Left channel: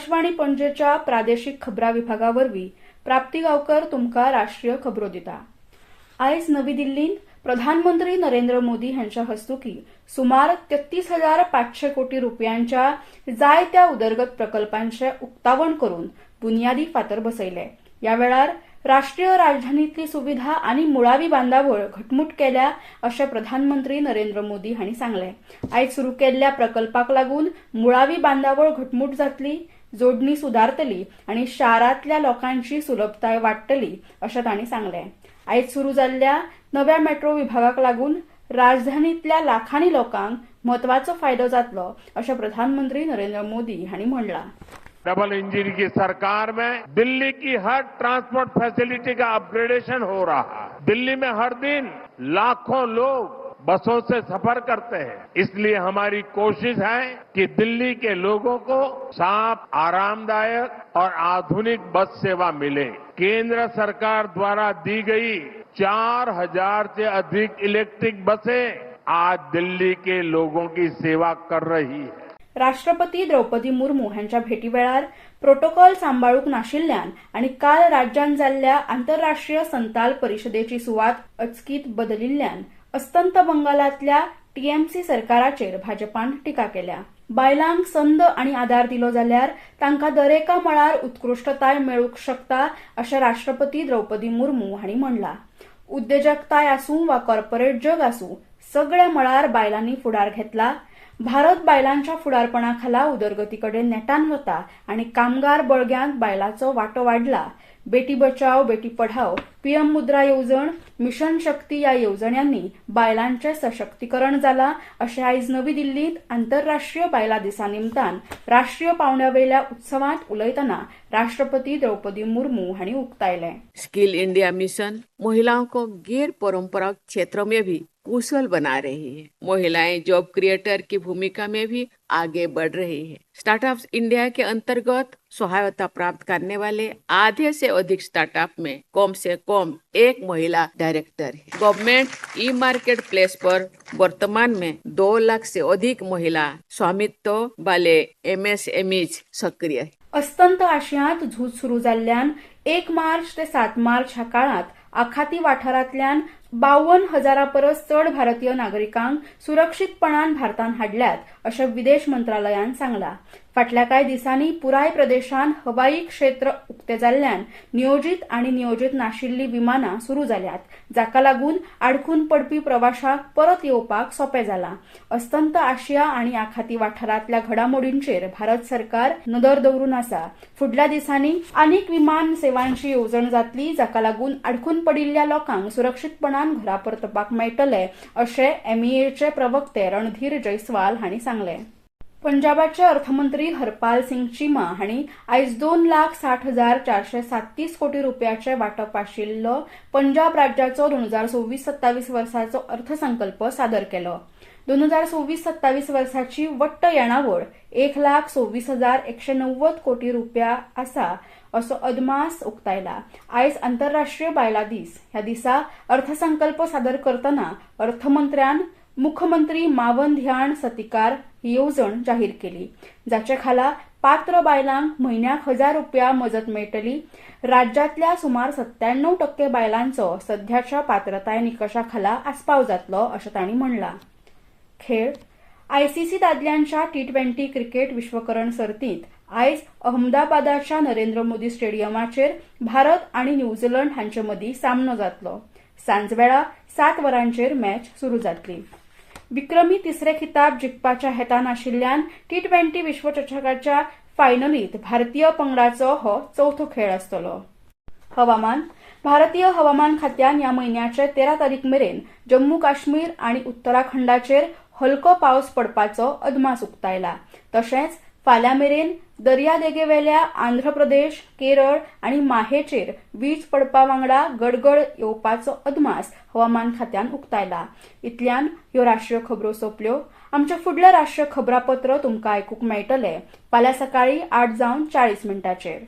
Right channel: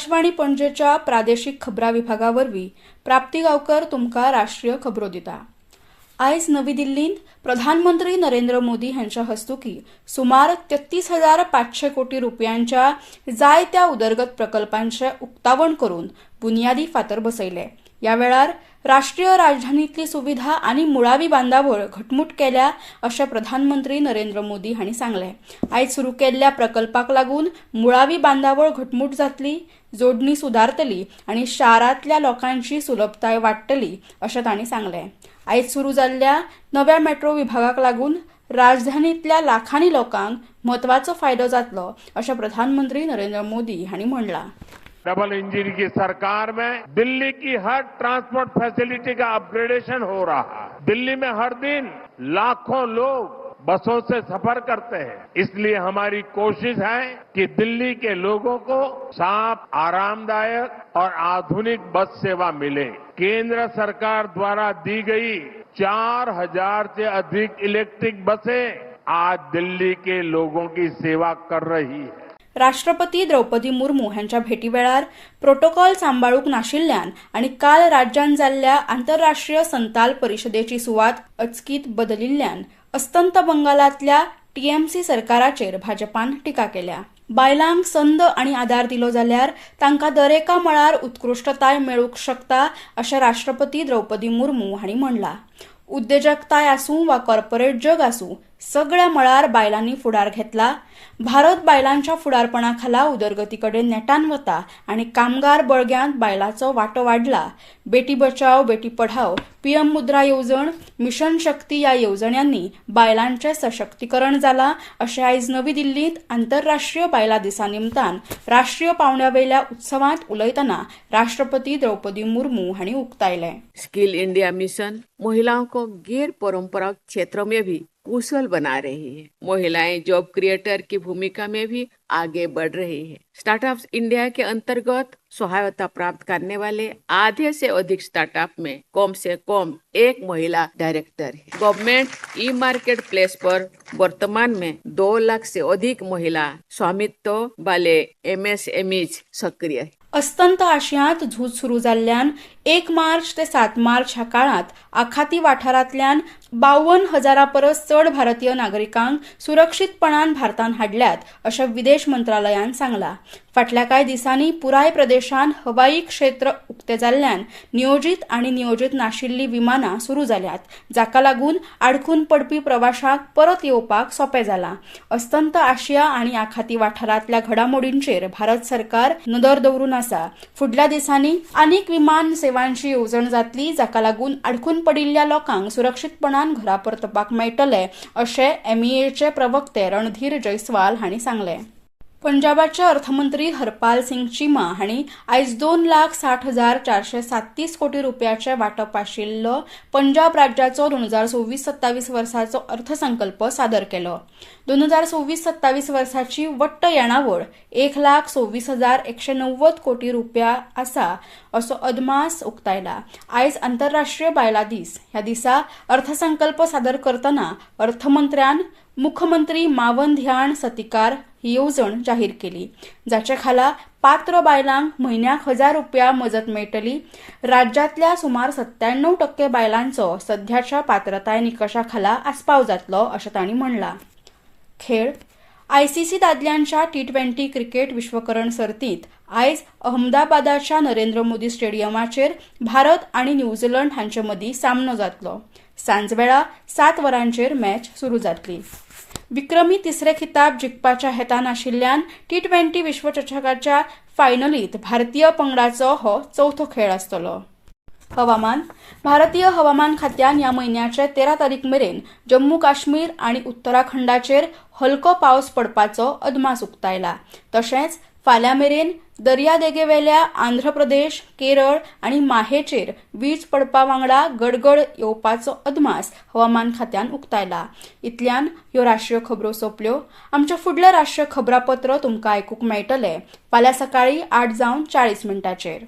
आकाशवाणी पणजेच्या प्रादेशिक खबरां विभागावरवीं प्राप्ती गांवकर तुमकां राष्ट्रीय खबरो दिता। आयज नवी दिल्लींत प्रधानमंत्री नरेंद्र मोदी हांच्या हस्तुकीं सुमार 33,500 कोटी रुपयांच्या जायत्या उदरगत प्रकल्पांचे उक्तावण करून बुनयादी फातर बसयले। ह्या वेळार राष्ट्रीय राजधानींतली सुविधा आनी मुळावी बांदावळ घटमूट केल्या अशें प्रधानमंत्री नरेंद्र मोदी हांणी सांगलें। आयज सुरू केल्ल्या प्रकल्पाक लागून मुळावी बांदावळ घटमूट जातली, जोडणी सुदारतली आनी शारांतल्या लोकांची सुलभताय वाडटली अशें तांणी सांगलें। आयज सुरू जाल्ल्या नव्या मेट्रो विभागाक लागून राजधानींतल्या लाखांनी लोकांक म्हत्वाचो फायदो जातलो अशें प्रधानमंत्री नरेंद्र मोदी हांणी म्हणलां। डबल इंजन की सरकार में दिल्ली की हर ट्रांसपोर्ट फैसिलिटी का अपग्रेडेशन हो रहा है। दिल्ली में हर दिन लाखों लोग बसों से सफर करते हैं, इसलिए हमारी कोशिश है कि दिल्ली के लोगों को साफ, आरामदायक और आधुनिक बस सेवा मिले। केंद्र सरकार द्वारा दी गई 4,000 से अधिक इलेक्ट्रिक बसें आज दिल्ली के लोगों की सेवा कर रही है। राष्ट्रपती द्रौपदी मुर्मू हांच्या भेटी वेळार प्रोटोकॉल सांबाळूंक नाशिल्ल्यान आनी काल राज्यांत जाल्ल्या आंतरराष्ट्रीय संताल परिशदेची सुवात अचकीत बदलिल्ल्यान अस्तंत बंगालांतल्या टीएमसी सरकाराचेर भाजपान टिका केल्या। बायलांक संद आनी आदार दिलो जाल्यार तांकां दरेका मळार उत्कृश्टताय मेळूंक शकता अशें राष्ट्रपती द्रौपदी मुर्मू हांणी म्हणलां। उद्देजकताय आसूं वा कॉर्पोरेट जग आसूं, सगळ्या मळार बायलांनी फुडार घेतला। भारत बायलांच्या फुडारपणाखाला उदरगतीकडेन नेटान वता आनी कामगार बळग्यांत बायलांचो वांटो वाडला। बेटी बचाव, बेटी पढाव, पीएम मुद्रा येवजण, मिशन शक्ती ह्या येवजण्यांनी बायलांचें सशक्तीकरण जालां अशें आयज नवी दिल्लींत आंतरराष्ट्रीय बायलां दिसा निमतान राष्ट्रीय पावंड्यावेल्या उत्सवांत उलयतना राष्ट्रपती द्रौपदी मुर्मू हांणी उक्तायलें। स्किल इंडिया मिशन महिलाओं को गैर परंपरागत क्षेत्रों में भी कुशल बना रही है। महिलाएं जॉब क्रिएटर की भूमिका में भी आगे बढ़ रही है। स्टार्टअप्स इंडिया के अंतर्गत सहायता प्राप्त करने वाले आधे से अधिक स्टार्टअप में कम से कम एक महिला डायरेक्टर है। गवर्नमेंट ई मार्केट प्लेस पर वर्तमान में 2 लाख से अधिक महिला स्वामित्व वाले एमएसएमईज सक्रिय है। अस्तंत आशियांत झूज सुरू जाल्ल्यान 1 मार्च ते 7 मार्च ह्या काळांत आखाती वाठारांतल्यान 52,000 परस चड भारतीय नागरिकांक सुरक्षीतपणान भारतांत हाडल्यात अशें विदेश मंत्रालयान सांगलां। फाटल्या कांय दिसांनी पुराय प्रदेशांत हवाई क्षेत्र उक्ते जाल्ल्यान नियोजीत आनी नियोजीत नाशिल्लीं विमानां सुरू जाल्यात, जाका लागून आडकून पडपी प्रवाशांक परत येवपाक सोंपें जालां। अस्तंत आशिया आनी आखाती वाठारांतल्या घडामोडींचेर भारत सरकार नदर दवरून आसा। फुडल्या दिसांनी आनीक विमान सेवांची येवजण जातली, जाका लागून आडकून पडिल्ल्या लोकांक सुरक्षीतपणान घरा परतपाक मेळटलें अशें एमईएचे प्रवक्ते रणधीर जयस्वाल हांणी सांगलें। पंजाबाचे अर्थमंत्री हरपाल सिंग चीमा हांणी आयज 2,60,437 कोटी रुपयाचे वांटप आशिल्लो पंजाब राज्याचो 2026-27 वर्साचो अर्थसंकल्प सादर केलो। 2026-27 वर्साची वट्ट येणावळ 1,26,190 कोटी रुपया आसा असो अदमास उक्तायला। आयज आंतरराष्ट्रीय बायलां दीस। ह्या दिसा अर्थसंकल्प सादर करतना अर्थमंत्र्यान मुख्यमंत्री मावन ध्यान सतिकार ही येवजण जाहीर केली, जाचे खाला पात्र बायलांक म्हयन्याक 1,000 रुपया मजत मेळटली। राज्यांतल्या सुमार 97% बायलांचो सध्याच्या पात्रताय निकशा खाला आस्पाव जातलो अशें तांणी म्हणलां। खेळ आयसीसी दादल्यांच्या T20 क्रिकेट विश्वकरण सर्तींत आयज अहमदाबादाच्या नरेंद्र मोदी स्टेडियमाचेर भारत आनी न्यूझीलंड हांचे मदीं सामनो जातलो। सांजवेळा 7 वरांचेर मॅच सुरू जातली। विक्रमी तिसरे खिताब जिखपाच्या हेतान आशिल्ल्यान T20 विश्वचषकाच्या फायनलींत भारतीय पंगडाचो हो चवथो खेळ आसतलो। हवामान भारतीय हवामान खात्यान ह्या म्हयन्याचे 13 तारीख मेरेन जम्मू काश्मीर आनी उत्तराखंडाचेर हलको पावस पडपाचो अदमास उक्तायला। तशेंच फाल्यां मेरेन दर्यादेगेवेल्या आंध्र प्रदेश, केरळ आनी माहेचेर वीज पडपा वांगडा गडगड येवपाचो अदमास हवामान खात्यान उक्तायला। इतल्यान ह्यो राष्ट्रीय खबरो सोंपल्यो। आमचे फुडले राष्ट्रीय खबरापत्र तुमकां आयकूंक मेळटले फाल्यां सकाळीं 8:40 मिनटांचेर।